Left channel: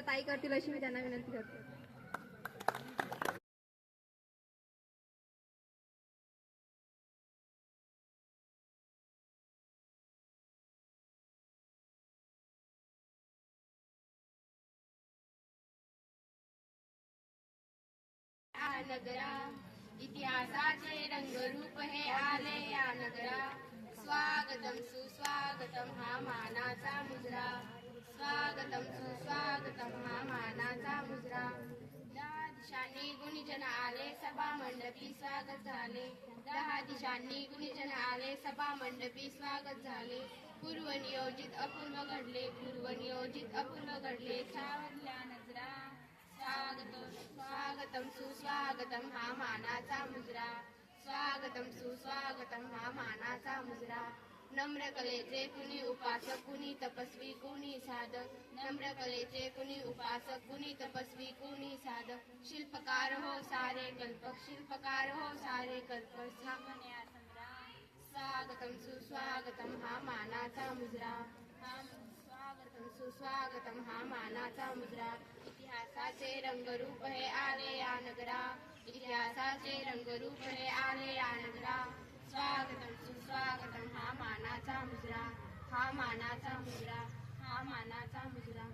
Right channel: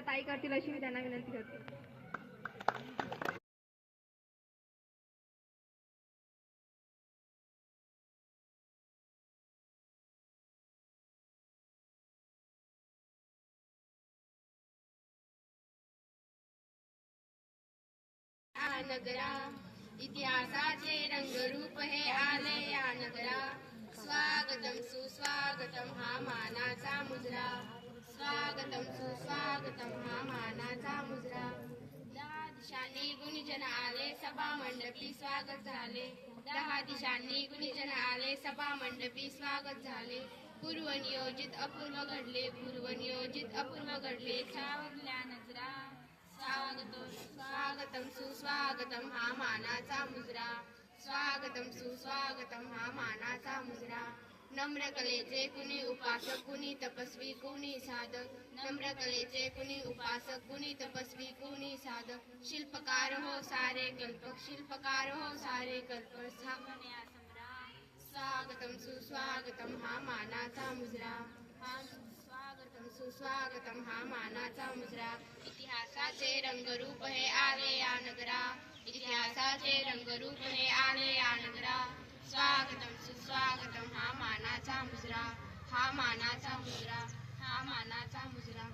त्या ताई करतील अशी मी त्यांना विनंती करते. नगरा इतिहासाचे रंगरूप हे आले या नगरा. स्वागतम सुस्वागतम हा मानाचा मुजरा. स्वागतम सुस्वागतम हा मानाचा मुजरा. दहा दिशांनी गुणीजन आले सभा मंडपी स्वागत झाले. दहा दिशांनी गुणीजन आले सभा मंडपी स्वागत झाले. पूर्वनियोजित अपूर्व घडले. पूर्वनियोजित अपूर्व घडले. छावल्या नजरा. स्वागतम सुस्वागतम हा मानाचा मुजरा. स्वागतम सुस्वागतम हा मानाचा मुजरा. नम्र कलेचे कुणी उपासक कुणी तपस्वी कुणी साधक. नम्र कलेचे कुणी उपासक कुणी तपस्वी कुणी साधक. शिल्पकार हो सारे कल्पक. शिल्पकार हो सारे कल्पक. स्वागतम सुस्वागतम हा मानाचा मुजरा. स्वागतम सुस्वागतम हा मानाचा मुजरा. इतिहासाचे रंगरूप हे आले या नगरा. इतिहासाचे रंगरूप हे आले या नगरा. स्वागतम सुस्वागतम हा मानाचा मुजरा. हा मानाचा मुजरा. हा मानाचा मुजरा.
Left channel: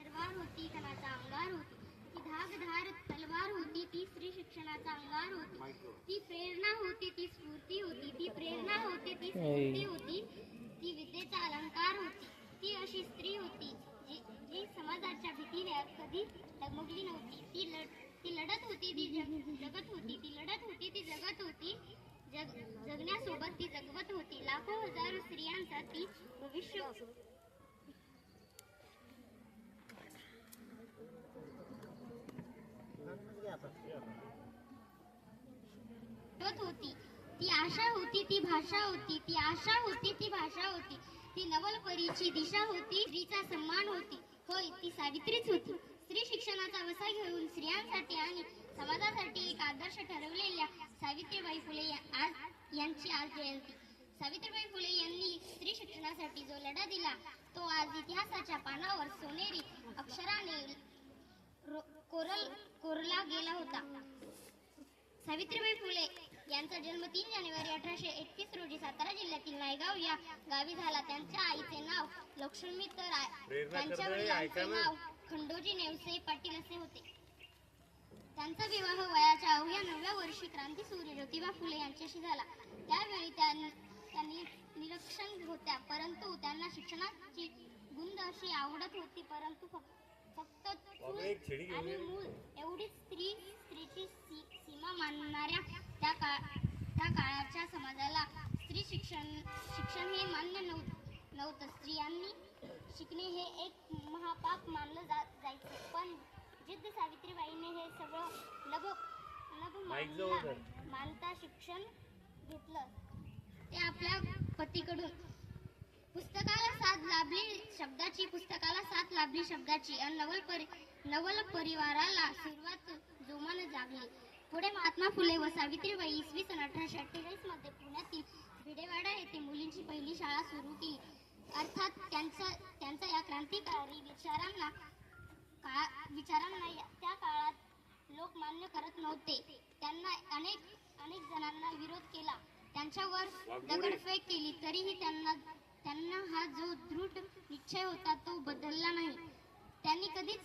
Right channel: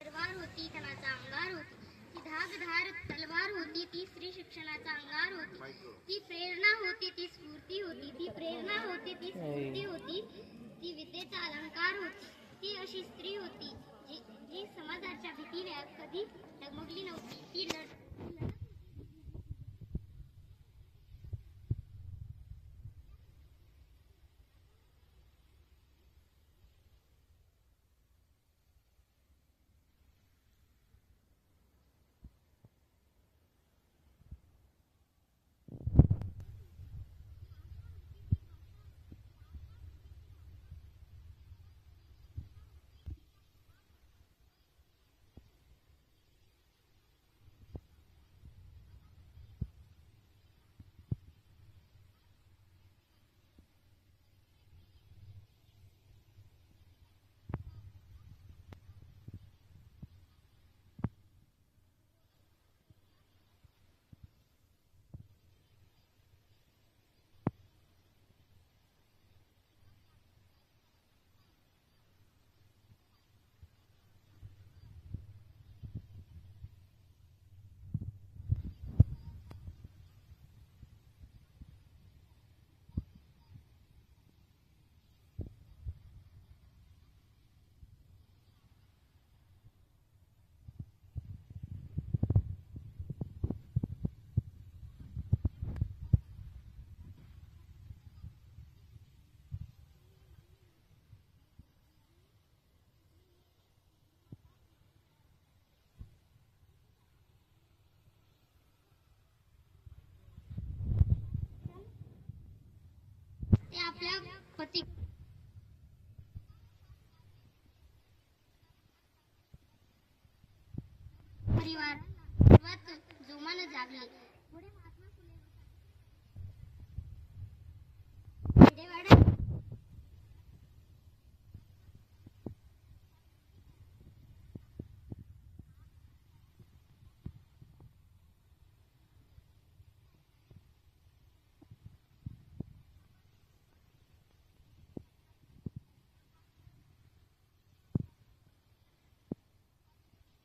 तलवार होती कणाचा अंगार होती. ती धाकधार तलवार होती. ती स्त्री शिक्षणाचा अंगार होती. ती प्रेरणा होती. ती स्फूर्ती होती. ती प्रेरणा होती. ती स्फूर्ती होती. ती विद्येचा अलंकार होती. ती अशी स्त्री होती जी समाजाच्या भीतीने कधी डगमगली नव्हती. ती लढत होती. ती जगत होती. ती लढत होती. ती जगत होती. जगण्यासोबत ती जगवत होती. लाखो हजारो स्त्रियांचा ती भविष्य होती. ती आशा होती. ती भाषा होती. ती आशा होती. ती भाषा होती. ती नवलपरीची दिशा होती. स्त्रीचा सन्मान होती. होय, ती सावित्रीच होती. स्त्री शिक्षणाचा वसा घेऊन स्त्रियांसाठी आणि समाजासाठी एक आदर्श ठरवलेल्या सावित्रीबाई फुले यांची आज जयंती. सावित्रीबाई फुले यांनी स्त्री शिक्षणासाठी जो लढा दिला तो आज इतिहासाच्या पानावर सोनेरी अक्षराने कोरला गेला होता. सावित्रीबाई फुले यांचा जन्म 3 जानेवारी 1831 रोजी सातारा जिल्ह्यातील नायगाव या गावी झाला. त्यांच्या आईचे नाव लक्ष्मी तर त्यांच्या वडिलांचे नाव खंडोजी नेवसे पाटील असे होते. त्यांचा विवाह वयाच्या अवघ्या 9व्या वर्षी क्रांतीसूर्य ज्योतिबा फुले यांच्याशी झाला. त्यावेळी त्यांनी निरक्षर होत्या, परंतु त्यांना शिक्षणाची गुंद अशी आवडत होती. परंतु फक्त चूल आणि मूल एवढीच स्त्रीची सीमा मानणाऱ्या त्या काळाच्या समाजाला स्त्री शिक्षण हे मान्य नव्हतं. स्त्रियांनी शिकणे हे एक महापाप मानलं जायचं. पण जिद्द सावित्रीबाईंनी हे सगळं लब मानता शिक्षण घेतलं. ते आपल्या पतीकडून पुस्तकाला साथ लाभली शब्दाची नवल परिवाराला सुरुवात जोमानं जागली. पुढे महात्मा फुले व सावित्रीबाई इसवी सन 1848 मध्ये पुण्यातील खेडेवाडा येथे मुलींची पहिली शाळा सुरू केली. अर्थात त्यांच्या या क्रांतिकारी विचारांना त्या काळात लोक मान्य करत नव्हते. त्यांना अनेक जणांना विरोध केला. त्यांच्यावर दगडफेक केली. तरीही त्यांना हा जो दृढ निश्चय होता तो बदलला नाही. त्यांनी कधीच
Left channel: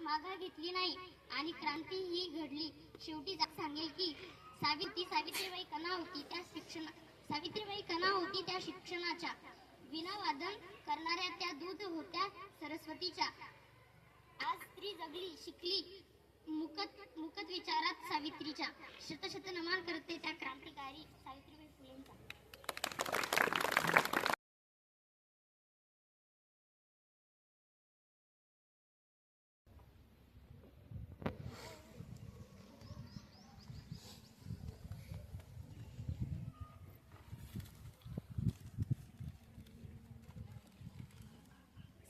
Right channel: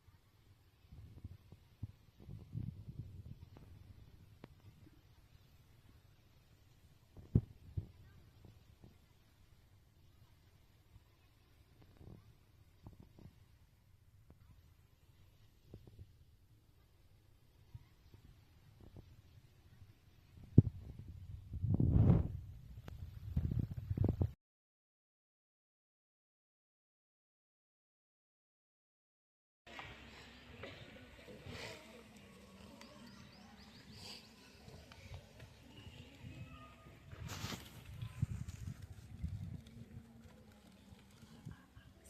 माघार घेतली नाही आणि क्रांती ही घडली. शेवटी सांगेल की सावित्रीबाई कणा होती त्या शिक्षणाच्या. वीणावादन करणाऱ्या त्या दूध होत्या सरस्वतीच्या. आज स्त्री जगली, शिकली, मुकत विचारात सावित्रीच्या. शत नमन करते त्या क्रांतिकारी सावित्रीबाई फुले.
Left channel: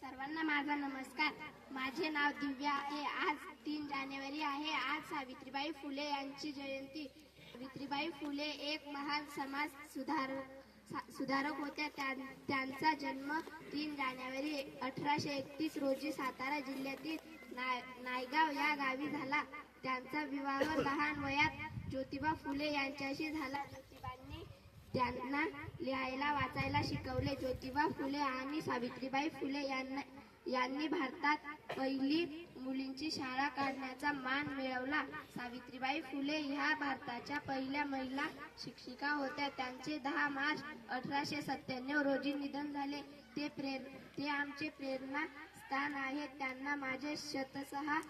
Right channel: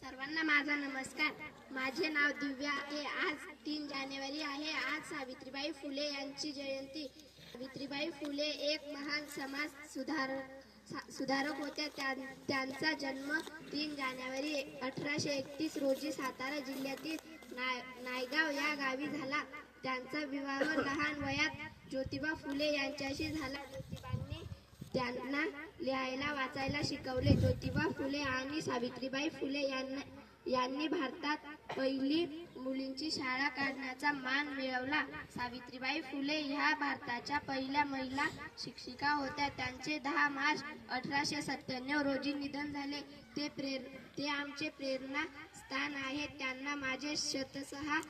सर्वांना माझा नमस्कार. माझे नाव दिव्या आहे. आज 3 जानेवारी आहे. आज सावित्रीबाई फुले यांची जयंती. सावित्रीबाई फुले एक महान सुधारक होत्या. त्यांचा जन्म 3 जानेवारी 1831 रोजी सातारा जिल्ह्यातील नायगाव या गावी झाला. त्यांचा विवाह लहान वयात ज्योतिबा फुले यांच्याशी झाला. ज्योतिबांनी त्यांना लिहायला वाचायला शिकवले. ज्योतिबा फुले आणि सावित्रीबाई फुले यांनी भारतात पहिली मुलींची शाळा काढण्याचा मान मिळवला. सावित्रीबाई फुले ह्या भारताच्या पहिल्या महिला शिक्षिका होत्या. त्यांचे 10 मार्च 1897 रोजी निधन झाले. ते आमचे प्रेरणा स्थान आहे. त्यांना माझे शतशः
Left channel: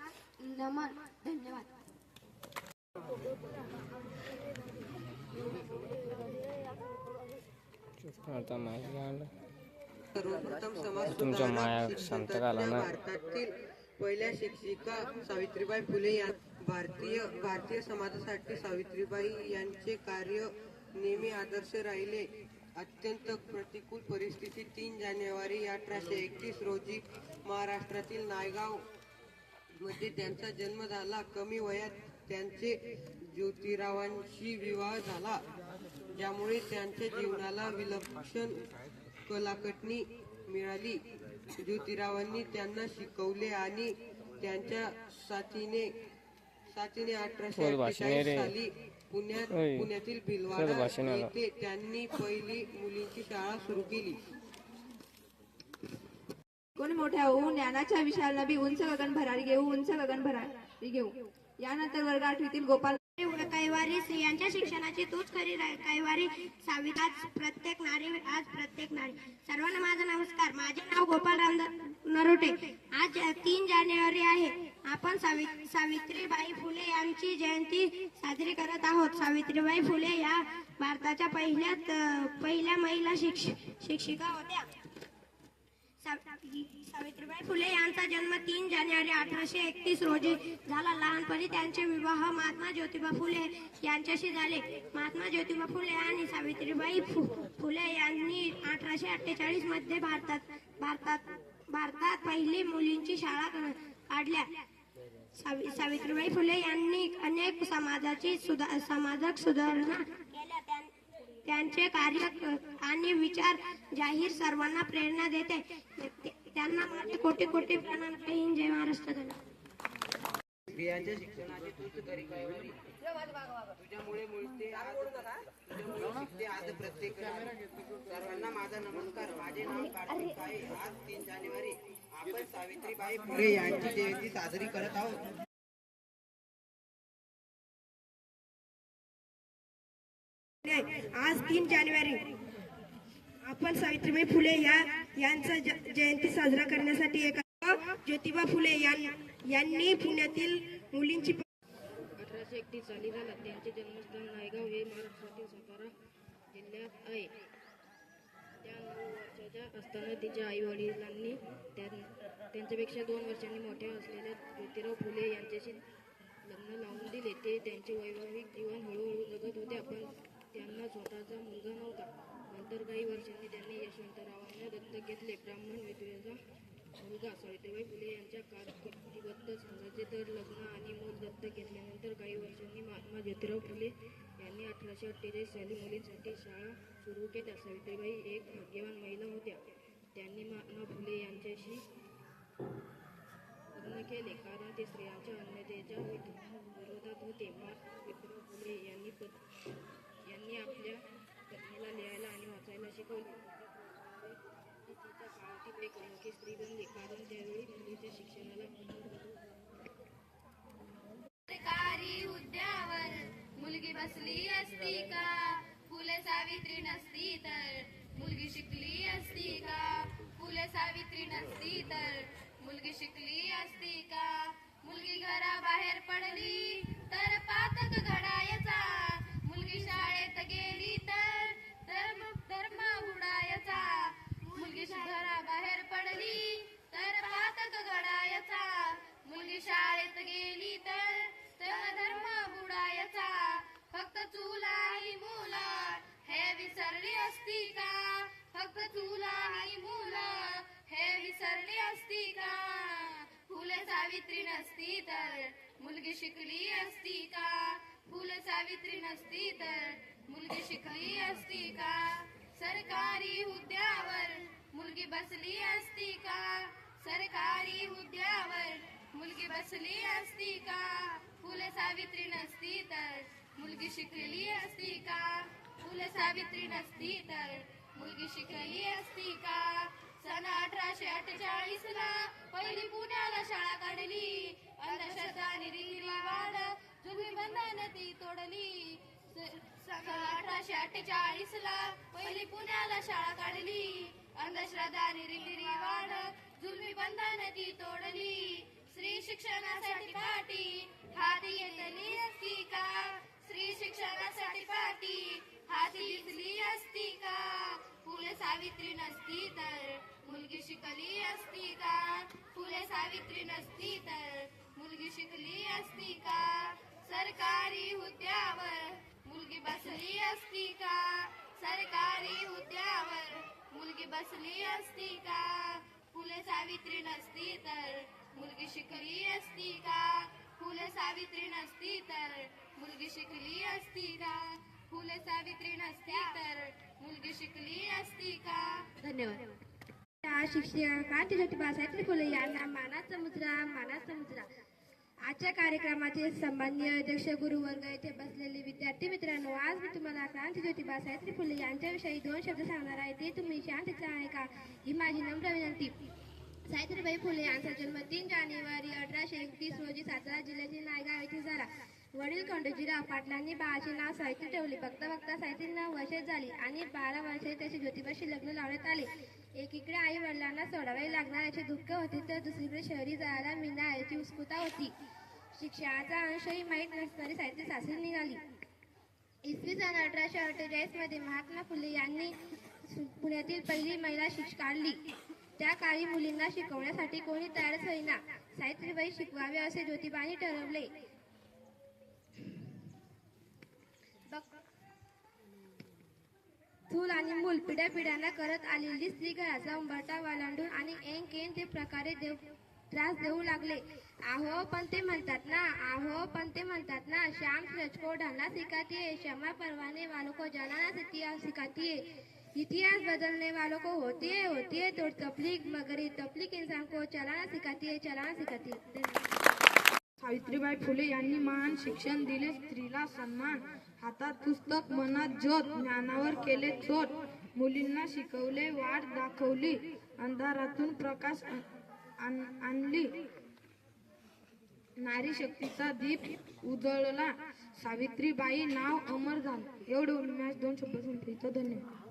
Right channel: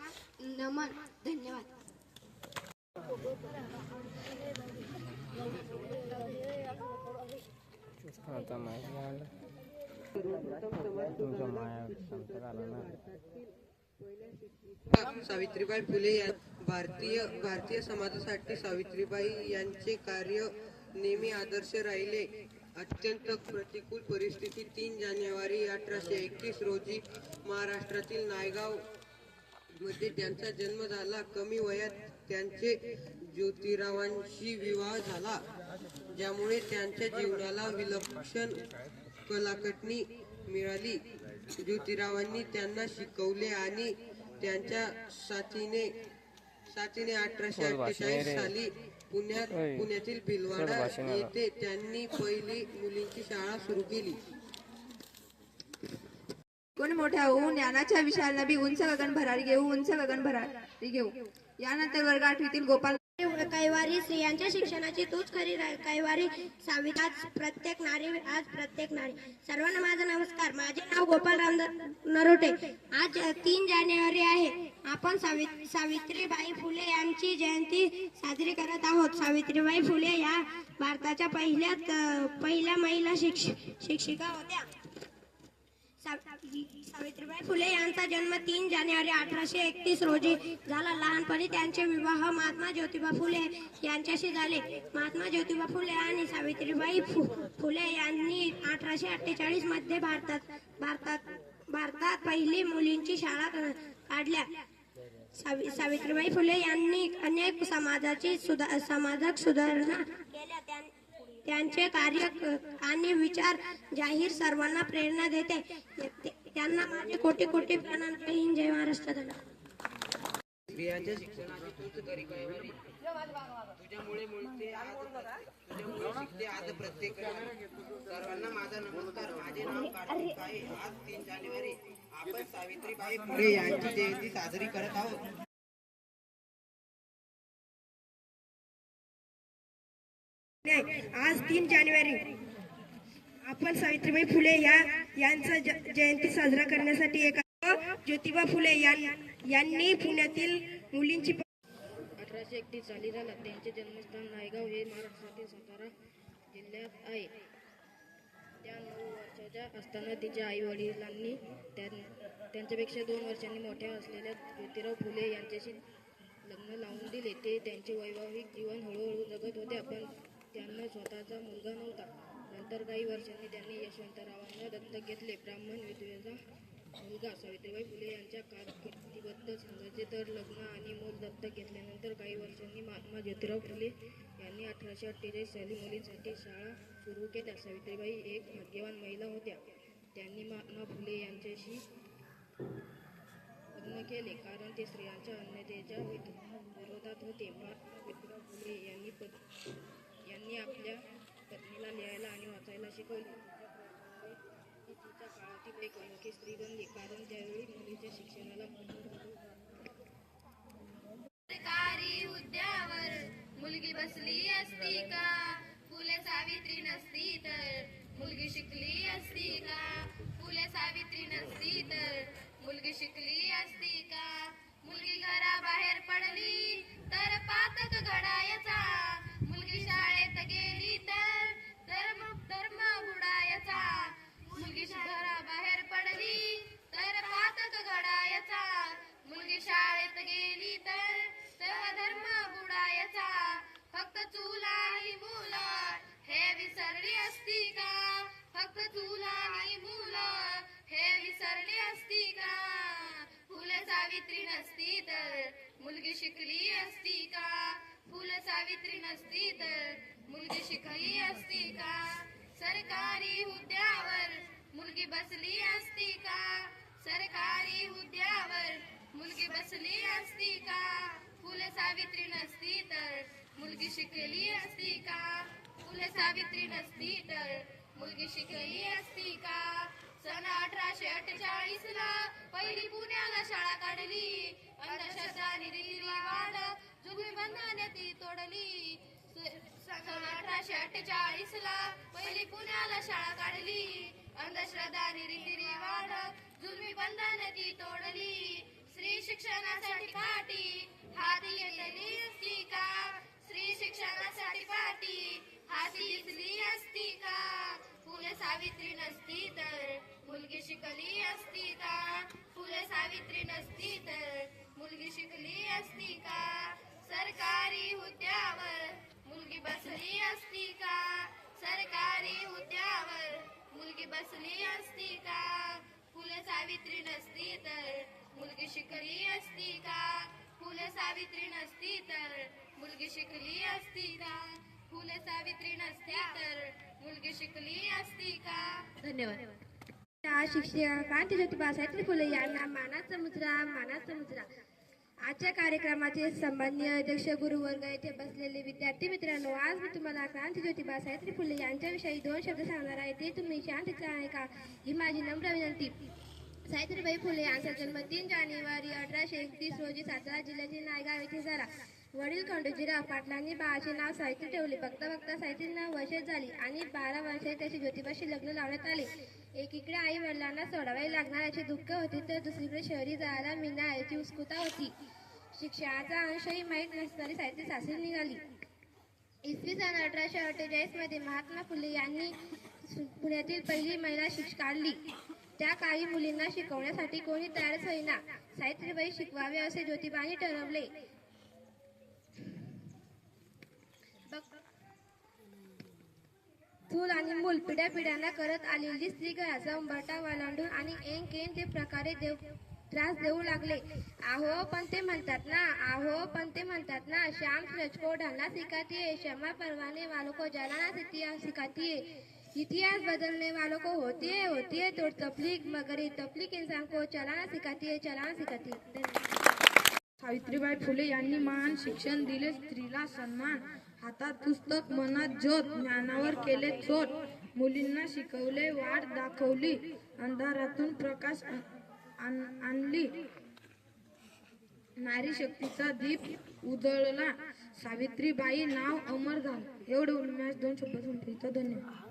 नमन. धन्यवाद. तुमच्या माया शांत झाला ना. भारतातील पहिल्या शिक्षिका सावित्रीबाई फुले या भारतीय समाजासाठी सावित्रीबाई यांचे कार्य नेहमी आदर्श राहिले. अत्यंत प्रतिकूल परिस्थितीत 3 जानेवारी 1831 रोजी महाराष्ट्रातील नायगाव मध्ये त्यांचा जन्म झाला. कमी वयात त्यांचे ज्योतिरावांशी विवाह झाला, ज्यामुळे त्यांच्या जीवनाला विलक्षण कलाकटणी मिळाली. ज्योतिरावांनी त्यांना शिकवले आणि त्यांच्या साथीने 1848 साली पुण्यातील भिलवाडा येथे त्यांनी पहिली मुलींची शाळा सुरू केली. कोण मोठा होऊन ज्ञानाच्या विशाल नभी उंच गगन भरारी घेऊ. यानंतर वर्ग 8तील गोपाल कैवारी स्त्रियांच्या शिक्षणाची तूच खरी कैवारी सावित्री. आज प्रत्येक नारी. सर्वांना माझा नमस्कार. माझे नाव गोपाल राम नरोटे. आज 3 जानेवारी आहे. आपण सावित्रीबाई फुले यांची जयंती साजरी करत आहोत. सावित्रीबाई फुले या भारताच्या पहिल्या महिला शिक्षिका होत्या. सावित्रीबाई फुले यांचा जन्म 3 जानेवारी 1831 रोजी झाला. लहानपणी त्यांचे विवाह महात्मा ज्योतिबा फुले यांच्याशी झाले. महात्मा ज्योतिबा फुले आणि सावित्रीबाई फुले यांनी 1848 मध्ये भारतात पहिली मुलींची शाळा काढल्या. सावित्रीबाई फुले यांनी अनेक समाजक सुधारणा केल्या. त्यांचे कार्य आणि विचार जाहीर सर्वांना प्रेरणा देते. त्यांना माझे कोटी प्रणाम. जय हिंद, जय महाराष्ट्र. स्त्रियांच्या शिक्षणाची तूच खरी कैवारी. तुझ्यामुळे मिळते आज प्रत्येक नारी. सर्वांना माझा नमस्कार. माझे नाव कार्तिक आहे. आज 3 जानेवारी आपण सावित्रीबाई फुले यांची जयंती साजरी करत आहोत. आज 3 जानेवारी आपण सावित्रीबाई फुले यांचा जयंती साजरा करण्यासाठी ज्योतिबा फुले यांनी पुण्यातील मुलींची 1831 साली झाला. त्यांचे जन्मस्थान नायगाव हे महाराष्ट्रातील सातारा जिल्ह्यात आहे. त्या 9 वर्षाच्या असताना तिच्या आई वडिलांनी त्यांच्यापेक्षा 2 वर्षांनी मोठ्या असलेल्या ज्योतिराव फुले यांच्याशी लग्न लावून दिले. ते त्यांचे वैवाहिक जीवन हळूहळू जगत होते, पण त्यांना स्वतःचा मुलगा नव्हता. नंतर काही वर्षांनी त्यांनी यशवंतरावांना दत्तक घेतले. ब्राह्मण विधवेचा मुलगा. सावित्रीबाई फुले यांच्या कारकिर्दीबद्दल सांगायचे तर लग्न आणि मूल दत्तक घेतल्यानंतर काही वर्षांनी महात्मा ज्योतिराव फुले यांनी 1848 साली मुलींसाठी शाळा सुरू केल्या. सावित्रीबाई एक भाग्यवान महिला होत्या. त्यांनी महात्मा फुले यांच्याशी लग्न केले कारण ते स्त्रियांच्या अन्यतेच्या विरोधात होते. महात्मा ज्योतिराव फुले यांनी आपल्या पत्नीला लिहायला आणि वाचायला शिकवले. ती तिच्या काळातील एक अनोखी स्त्री बनली कारण त्यावेळी मुलीच्या शिक्षणाला सरकारी हुद्द्यावर मुलगी बसली असती का? फुले सावित्री नसती तर मुलगी शिकली असती का? फुले सावित्री नसती तर मुलगी शिकली असती का? मुलगी घराबाहेर पडली तर पातक घडायचा. मुलगी शाळेत गेली तर धर्म बुडायचा. मुलगी घराबाहेर पडली तर पातक घडायचा. मुलगी शाळेत गेली तर धर्म बुडायचा. फक्त चूल आणि मुलं हे विसरली असती का? फक्त चूल आणि मुलं हे विसरली असती का? फुले सावित्री नसती तर मुलगी शिकली असती का? फुले सावित्री नसती तर मुलगी शिकली असती का? सरकारी हुद्द्यावर मुलगी बसली असती का? सरकारी हुद्द्यावर मुलगी बसली असती का? फुले सावित्री नसती तर मुलगी शिकली असती का? फुले सावित्री नसती तर मुलगी शिकली असती का? सन 1848 ला पहिली पुण्याला शाळा काढली. अंधश्रद्धा रीतिरिवाज जुलमी बंधने ती तोडली. सन 1848 ला पहिली पुण्याला शाळा काढली. अंधश्रद्धा रीतिरिवाज जुलमी बंधने ती तोडली. स्त्री शिक्षणासाठी पाठी हाती घेतली असती का? स्त्री शिक्षणासाठी पाठी हाती घेतली असती का? फुले सावित्री नसती तर मुलगी शिकली असती का? फुले सावित्री नसती तर मुलगी शिकली असती का? सरकारी हुद्द्यावर मुलगी बसली असती का? सरकारी हुद्द्यावर मुलगी बसली असती का? फुले सावित्री नसती तर मुलगी शिकली असती का? फुले सावित्री नसती तर मुलगी शिकली असती का? फुले सावित्री नसती तर मुलगी शिकली असती का? धन्यवाद. शिक्षक क्रांती ज्योतिबा सावित्री फुले यांना मानाचा मुद्रा. आजच्या कार्यक्रमाचे सन्माननीय अध्यक्ष गुरुवर्ग येथे बसलेले विद्यार्थी मित्रांनो, आज मी तुम्हाला क्रांती ज्योतिबा सावित्री फुले यांच्याविषयी 2 शब्द सांगणार आहे. ते तुम्ही शांतीचा ऐका ही माझी नम्र विनंती. सावित्रीबाई फुले यांचा जन्म 3 जानेवारी 1831 रोजी सातारा जिल्ह्यातील नायगाव येथे झाला. वडील खंडोजीराव पाटलांनी बाळाचे नाव सावित्री ठेवले. बघता सावित्रीला वर्षे झाली आणि 12 वर्षे त्याचे ज्योतिबाशी लग्न लावण्यात आले. एकीकडे आई वडिलांना सोडावे लागणार याचे दुःख होते तर दुसरीकडे शहरी जायला मिळणार याची उत्सुकता होती. शिक्षणाचा अंशही माहीत नसणारी सावित्री सासरी निघाली. इसवी सन 1848 मध्ये महात्मा फुले यांनी पुण्यातील पहिली महिला शिक्षक काढली. त्या काळी मुलींना शिकवण्यासाठी कोणी तयारच होईना. सावित्रीबाई शिकवावे असे ज्योतिबांनी ठरवले. चूल आणि मूल पिढ्यापिढ्यांना करत आलेली स्त्री घराचा उंबरठा वालांडून आणि ऐन ते प्रकारे त्रास देऊ लागले. आहो पण ते म्हणतात ना श्याम तुझको ढलना सिखाती है, क्षमा परवाने वालों को जलाना सिखाती है, इतिहास बदलने वालों को होती है तो तबलीग, मगर ये तबलीग इंसान को चलाना सिखाती है. सावित्रीबाई फुले यांनी महान शिक्षण दिले. स्त्रीला सन्मान, हातात पुस्तक मनात ज्योत, ज्ञानावर केले चोट. मुलींना शिकवले, वाट दाखवली, अंधारातून प्रकाश आणली. नारी शक्तीचा दीप उजळला. सावित्रीबाई नाव अमर झालं. एवढे उन्मेष 2 शब्द संपवितो. धन्यवाद.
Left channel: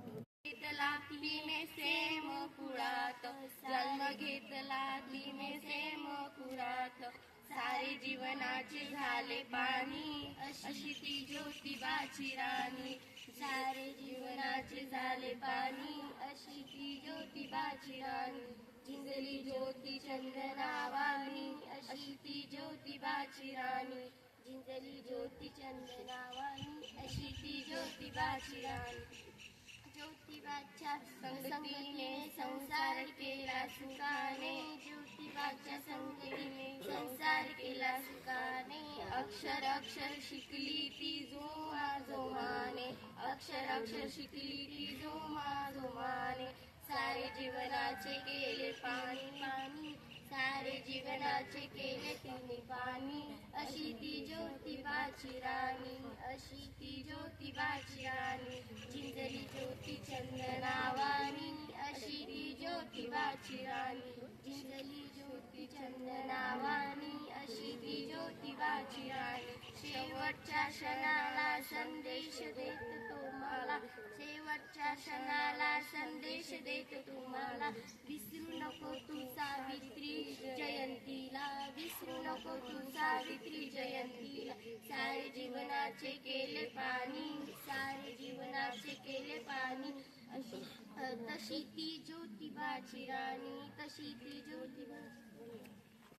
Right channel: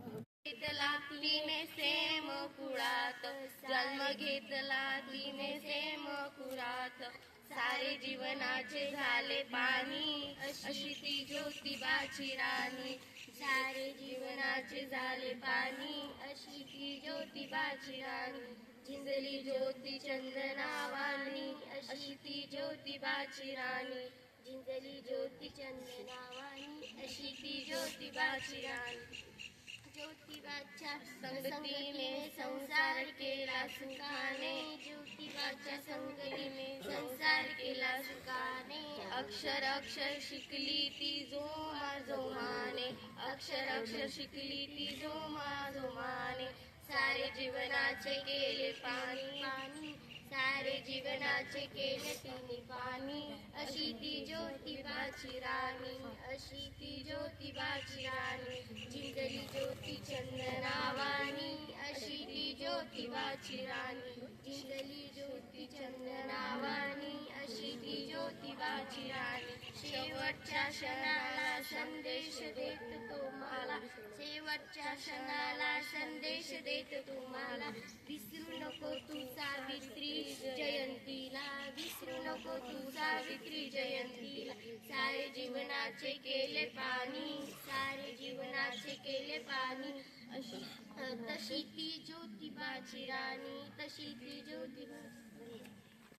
तिने सेम कुळात जन्म घेतला. तिने सेम कुळात सारे जीवनाचे झाले पाणी. अशी ती ज्योतिबाची राणी. सारे जीवनाचे झाले पाणी. अशी ती ज्योतिबाची राणी. जिंकली ज्योती चंदनावानी. अशी ती ज्योतिबाची राणी. जिंकली ज्योती चंदनावानी. अशी ती ज्योतिबाची राणी. ज्योतिबाच्या संगतीने संसार केला सुखाने. ज्योतिबाच्या संगतीने संसार केला सुखाने. अक्षर शिकली ती जोमाने. अक्षर शिकली ती जोमाने. सारे जीवनाचे केले पाणी. सारे जीवनाचे केले तिने पाणी. अशी ती ज्योतिबाची राणी. अशी ती ज्योतिबाची राणी. जिंकली ज्योती चंदनावानी. अशी ती ज्योतिबाची राणी. जिंकली ज्योती चंदनावानी. अशी ती ज्योतिबाची राणी. शेवटच्या क्षणाला संदेश देत तुम्हाला. शेवटच्या क्षणाला संदेश देत तुम्हाला. विसरू नको तू सावित्री जयंतीला. विसरू नको तू सावित्री जयंतीला. सारे जीवनाचे केले पाणी. सारे जीवनाचे केले पाणी. तशी ती ज्योतिबाची राणी. तशी ती ज्योतिबा